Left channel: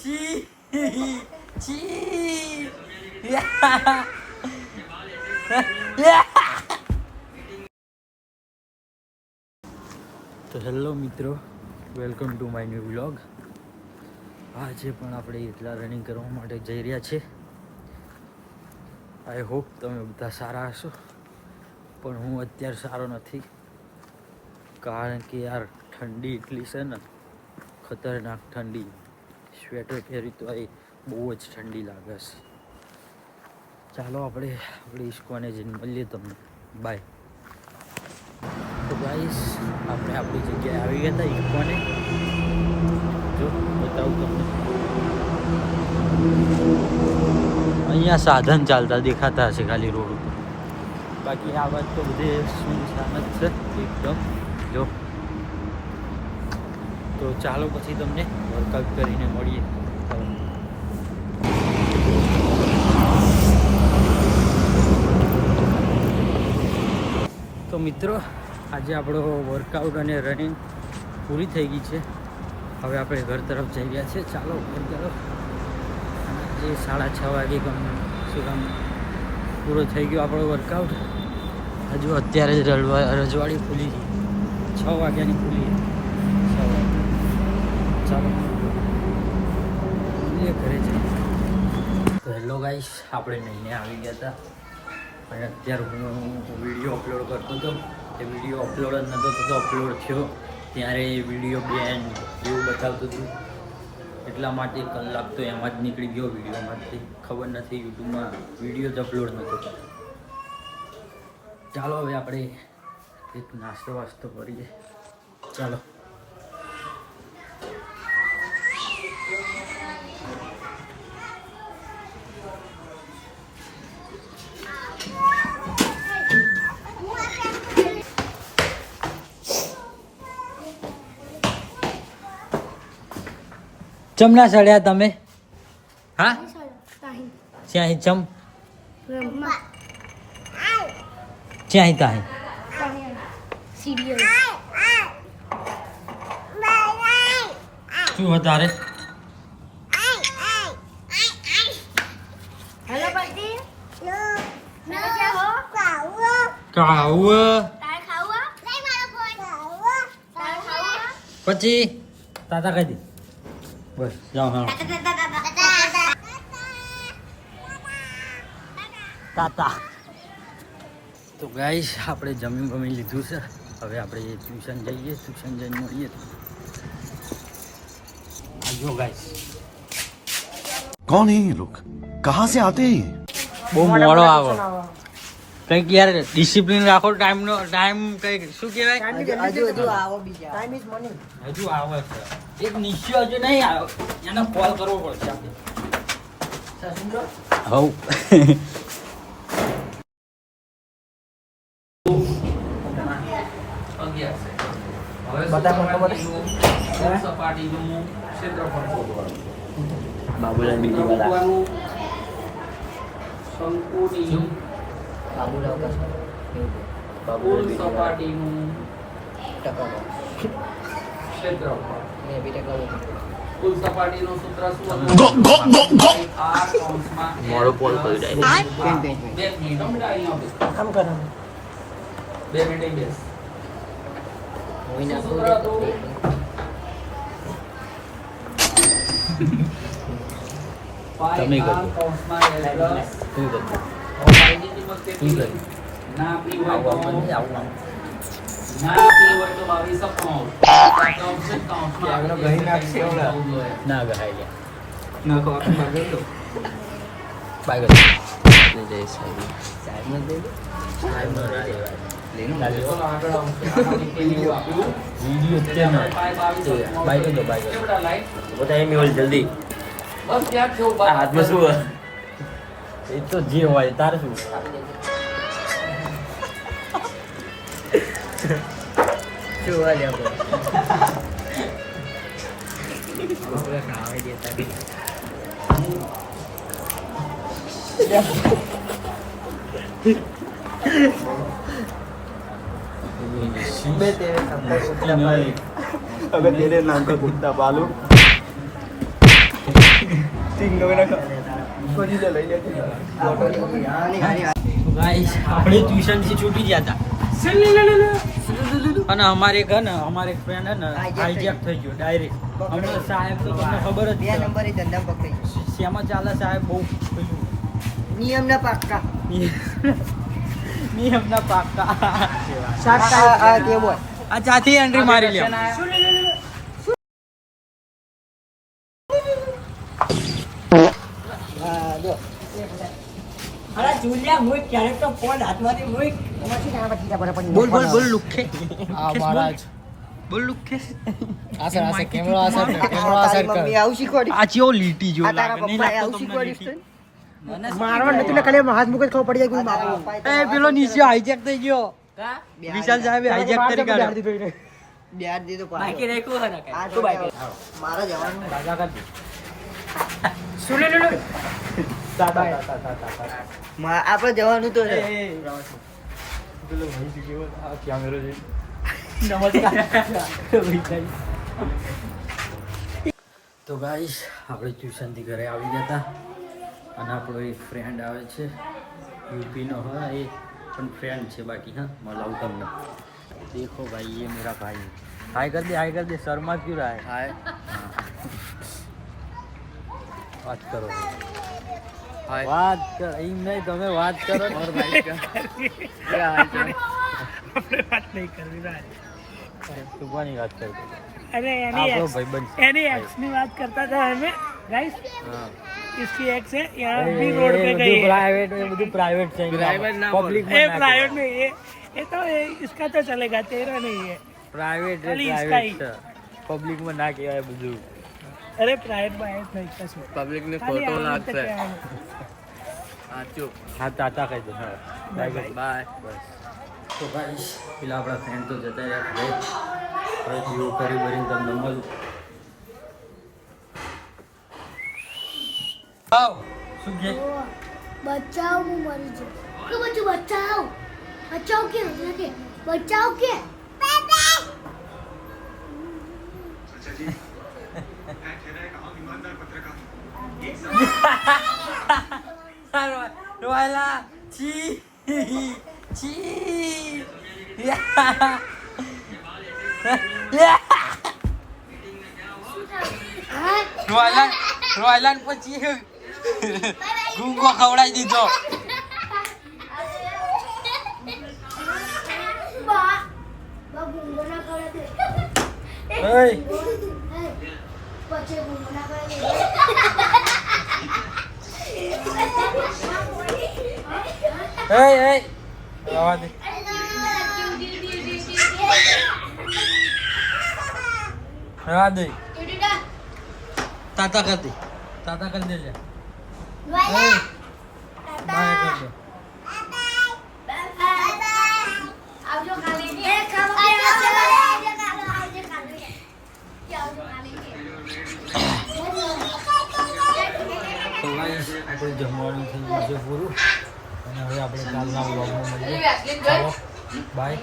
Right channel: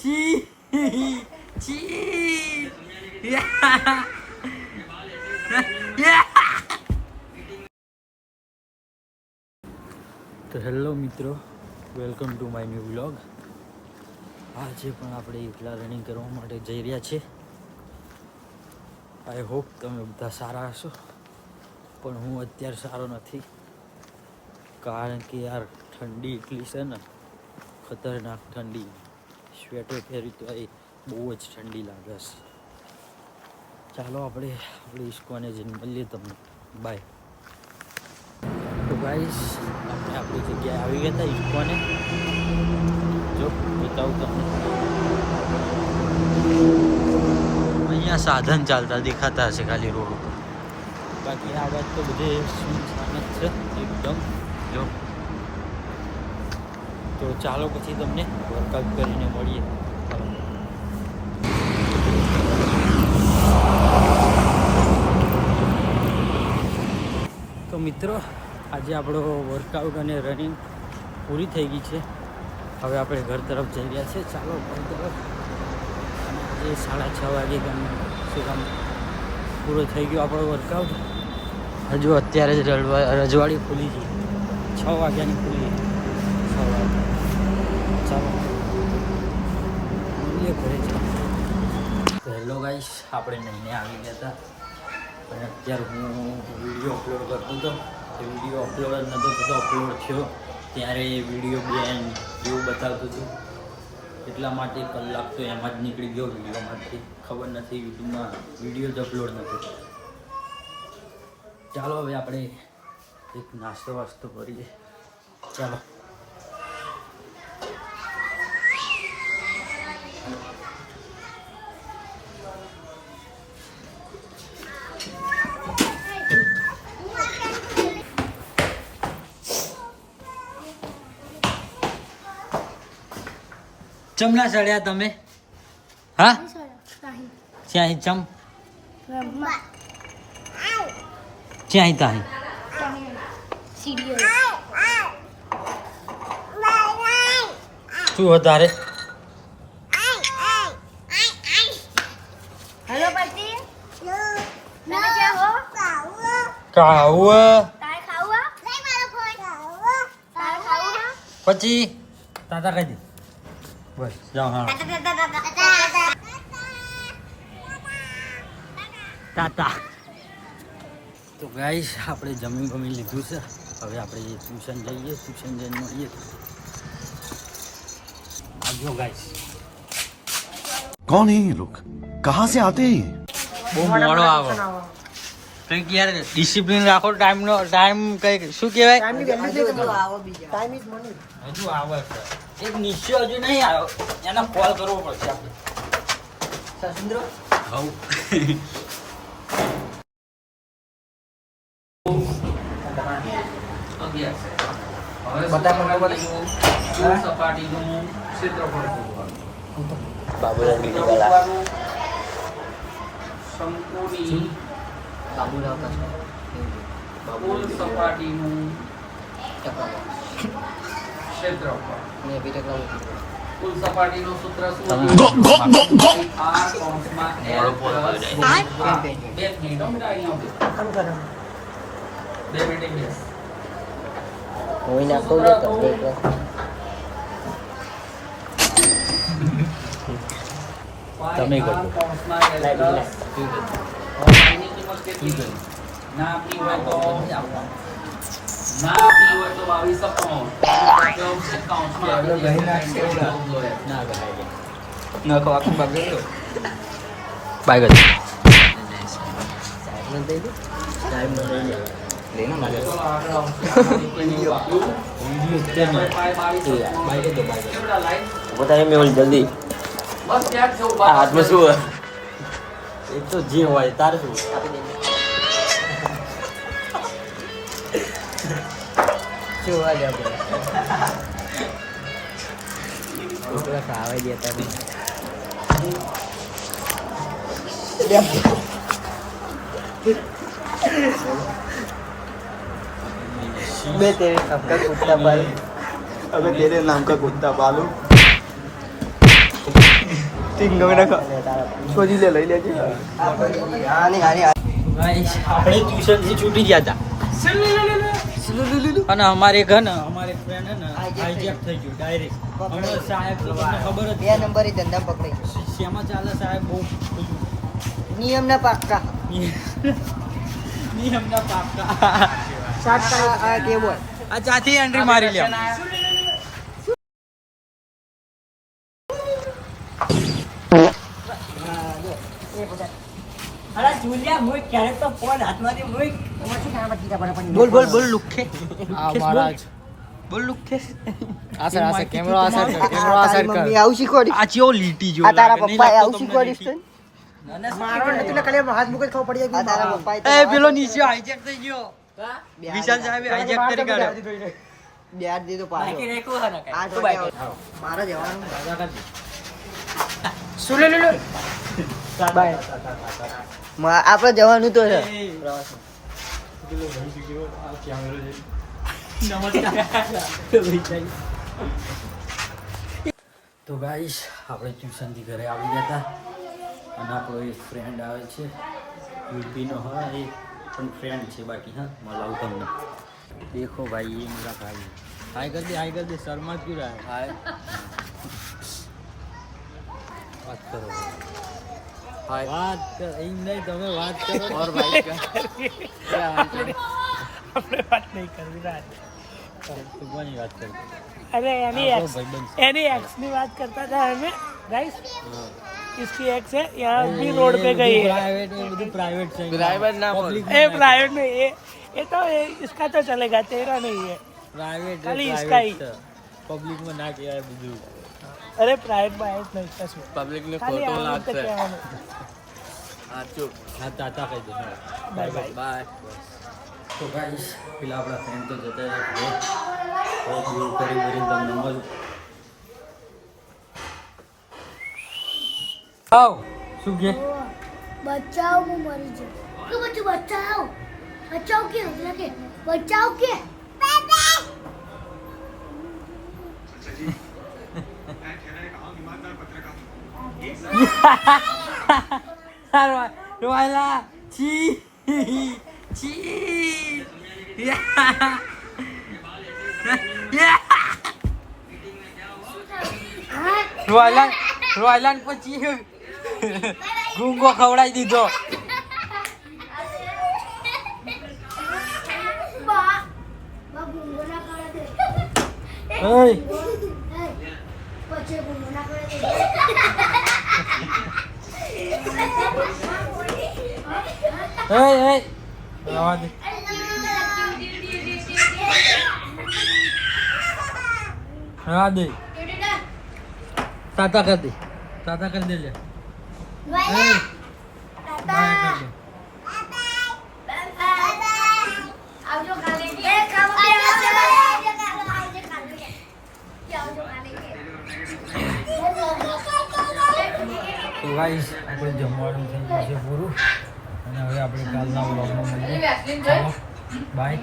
છી છી તો હેલો મિત્રો, welcome to my new vlog. આજે પણ આપણે એકલા રનિંગ કરવા માટે જઈ રહ્યા છીએ. આઈ હોપ તમે બધા સારા હશો, પણ હું અત્યારે સારો નથી, કારણ કે યાર ઠંડી એટલી છે ને, ખતરનાક ઠંડી. સ્વેટર પહેરી તો એ બહુ જ ઠંડી લાગે છે. ચાલો આપણે ઇસ્કોને જઈને મળીએ તમને. બાય. તો ગાઈસ, આપણે આપણી જગ્યાએ આવી ગયા હતા ઇસ્કોને. જો બતાવું તમને, અહીંયા સાધન ચાલતા દેખાતા હશે ખાલી રોડ ઉપર, બાકી આ વાત તો બધે સુનસાન જ છે એકદમ. જો તો ચાલો પછી તમને વર્કઆઉટ કરીને મળીએ. તો મિત્રો, આજે આપણો વર્કઆઉટ અને રનિંગ પૂરી થઈ ગઈ છે. હવે આપણે ઘર તરફ જઈ રહ્યા છીએ. ચાલો ઘર તરફ. અને આજે 6:30 વાગે કમ પૂરો થઈ ગયો આપણો વર્કઆઉટ. હજુ અત્યારે જ રજવાડી ખુલી ગઈ, 6 વાગ્યાની ખુલી. 6 વાગ્યા. ચાલો મળીએ ઘરે જઈએ. તો હેલો ગાઈસ, આપણે નહીને આવી ગયા હતા, અને અત્યારે હું વિડીયો અપલોડ કરતો હતો. એ વિડીયો અપલોડ જ નહોતો થતો. અપલોડ થયો ત્યારે એ વિડીયો બેન એવું બતાવતું હતું, એટલા માટે કલાક તો એમાં જ નીકળી ગયો વિડીયોમાંથી. ખબર નથી યુટ્યુબમાં વિડીયો જ અપલોડ નહોતો. ચાલો હવે આપણે એક નાસ્તો વાસ્તો કરીએ. ચાલો. ચમ ના સડ્યા તમે? હા, ક્યાં ચમ ક્યાં તાહી શું વધારે પછી તાતા કહી દે. બસ જાઓ. હા તાતા. તો ગાઈસ, આપણે જમી લીધું છે. હવે આપણે ટ્યુશન જઈએ. ટ્યુશન જઈને મળીએ. આજો ગાઈસ. कौन है ये लोग, कहाँ से आते हैं? બહુ મોડો આવે કંઈક યાર. ડિસિપ્લિન રાખો. ટાઈમ કંઈક શું કહેવાય? હજુ આવે છે એક નિશ્ચય, હજુ નહીં આવ્યો. એને કોલ કરવો પડશે આપણે. સપાટીનું ક્ષેત્રફળ શંકુની કુલ સપાટીનું ક્ષેત્રફળ. કુલ સપાટીનું સૂત્ર તમે કરજો. ના ગહાય ના કહો આખું બાય ગયો. જલ્દી હાથમાં શું એ તો જે હોય તારે શું. मैं तेरे नाम का कुत्ता पालू, अगर तेरे नाम का कुत्ता पालू શોધી લે લઈ લેજે ગાઈસ આપણે ટ્યુશનથી છૂટી ગયા હતા અને અમારે ઘર ને અમારે ફ્રેન્ડ હે ને હાઈજેક થઈ ગયો ડાયરેક્ટ. હમણાં સાહેબ તો તમને ખબર જ છે. નંબરે ધંધા પકડી શેમાં ચાલે સાહેબ બહુ પેલું નિયમના પાક્કા નિયમના પાક્કા. આ કેમ હોય આ ચાથી એન્ટ્રી મારી લે. બોલ બોલ બોલ લુખે બોલ લુખે. કેમેરો અસર કર આવું શીખવાડી આ ચેવો લીટી જેવો આ તારા લાગે. નહીં પપ્પાએ લાગતો આવું તમને શીખવાડીશ લીટી? મારવાનું તું ખાલી હાથ મૂકે ખબર પડી જાય કે બાપુ એ પેલો નીચે હાઈજેક થઈ ગયો. વિશાલ સાહેબે હાઈજેક કરી કાઢ્યો. બ્યાજ દીધો બાકી રાખ્યું હે આ તો મારા જવાનું દાદા કાઢ. આપણે જવાનું તો છે પેલો ભાઈ શીખ્યો આ કેમેરો છે. નમસ્કાર. તો ગાઈસ આપણે ટ્યુશનથી ઘરે આવી ગયા હતા અને આપણો એક ફ્રેન્ડ આવે છે યુપીનો. હા એ પણ ફ્રેન્ડ છે બાકી. હા મળાવું તમને. દેખો ભાઈ ये मेरा भाई. हाय कर दे शर्मा क्यों रहा है? हाय बात करो. हाय बात कर एम नहीं તમે વાત કરો और भाई का क्या हाल चाल? આપણે વાત નહીં કરવી ના. તું કોની વાત કરતો? अरे यानी एक्स की बात करता था हमें गाइस. हाँ इसकी एक्स है यहाँ भी रोड पे गई है. प्राइवेट में બધું પ્રાઇવેટ છે. પ્રાઇવેટ ના પબ્લિક ये प्राइवेट में ये तो इसका तो चलेगा तेरा नहीं है. પ્રાઇવેટ ખાલી इसका ही. પબ્લિક માં ના કહેવાય બધું. अरे प्राइवेट में आए नहीं कसम પબ્લિક ને खाली आवाज तक क्या है. હા ચૂપ હા તાતા કહી દો. હા Bye. બાય તો ગાઈસ પેલા આપણા ફ્રેન્ડ તો જતા રહ્યા ઘરે. હવે જેવું કરી ભરીને તમને મળું. આવ શું કે बचाओ वो मरी जो क्यों बच्चों बचाओ बचाओ के लगे बचाओ के રોયલા છી છી રોયલા પછી ગુંગો ખવડાવી દીધો. बा गुंगो ना करे दे ઓય बच्चे गुंगो ना करे दे એય રવા દે. રવા દે. તાતા કરી દે. તાતા કરી દે લે. આવજો કાલે એ ખાવા તો ગાઈસ આપણું જમવાનું થઈ ગયું છે પૂરું અને હવે આપણે કાલના વ્લોગમાં મળીએ. ચાલો બાય.